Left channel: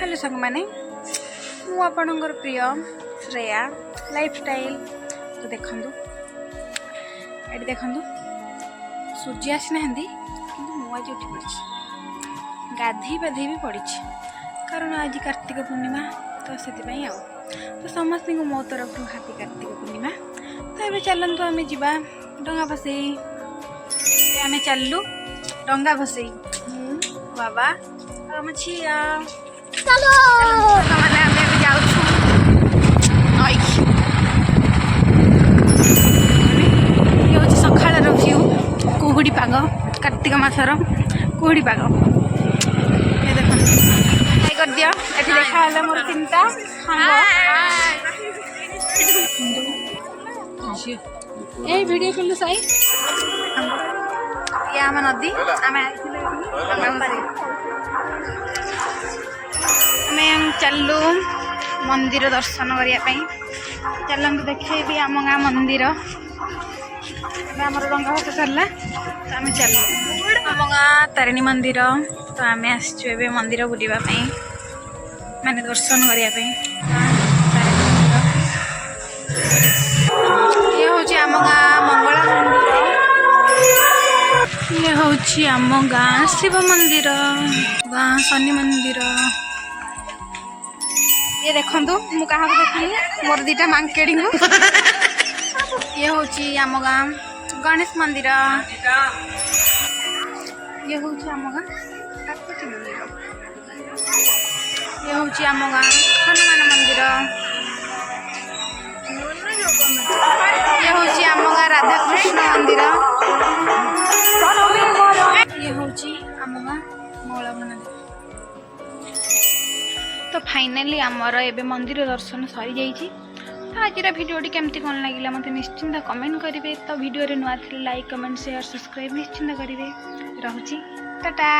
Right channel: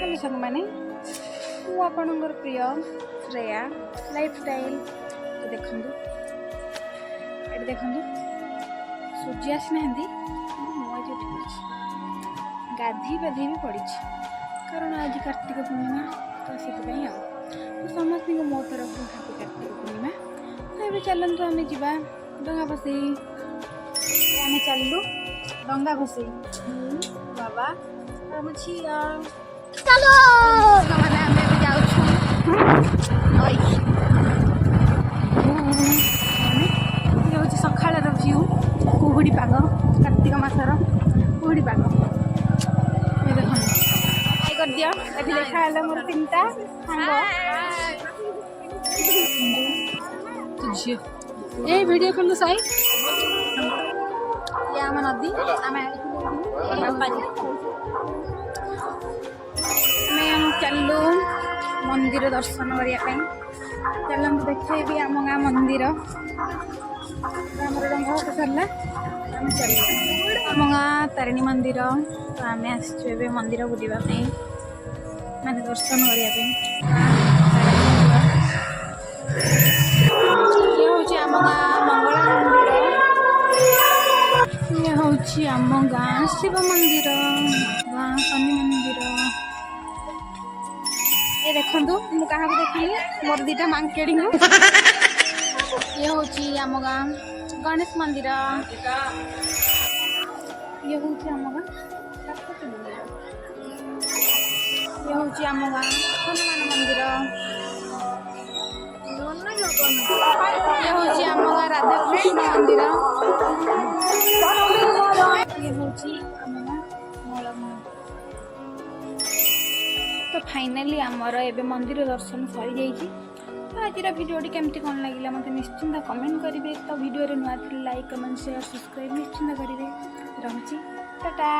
Hello संग माने मु आपणकर प्रिय श्रेया लाइफस्टाइल। तो देखु ये देखु सूर्य आसी ना मुझे उठी पड़ी गाधे पाधे भी पड़ी कारण आज कार्तिक पूर्णिमा तो से तो समस्त को मो तरफ हापी कार्तिक पूर्णिमा। तो ये चलतु आम जा डंगा भसई आम चलू डंगा भसई बाबा आम झिया चलो ये हूँ सकाळ भ्यू कुहुड़ी पाग कार्तिक मासर कुहुड़ी पाग ये देख कर दिया ये देखा है मोर तीनटा ये वीडियो कल सही ये आम नदी आम चलू मंदिर दर्शन करने चलते देखेबी आम गाँ मंदिर आम रंगा भात सरला तो आम चलू आम गाँ तारिणी मंदिर तो आम आसचु मंदिर बुलावाई माने दर्शन करने ये हूँ आम गाँ मंगला मंदिर ये हूँ आम गाँ शिव मंदिर गाँ शनि मंदिर ये देखु मु क्या देखी मोर दीटा मांकेड़ी ये हूँ आम गाँ गणेश मंदिर ये हूँ आम गाँ काकती मंदिर ये हूँ आम गाँ हनुमान मंदिर ये हूँ आम गाँ राधा कृष्ण मंदिर ये हूँ आम गाँ मंगला मंदिर। तो फाइनाली आमर एबे मंदिर दर्शन सरी जाइए। तो आज भिडियोटी केमती कौन लगे मत निश्चिंत कमेंट करेंगे। तो भिडियो नुआ लाइक कमेंट शेयर सब्सक्राइब निश्चिंत करेंगे। रहुची टाटा।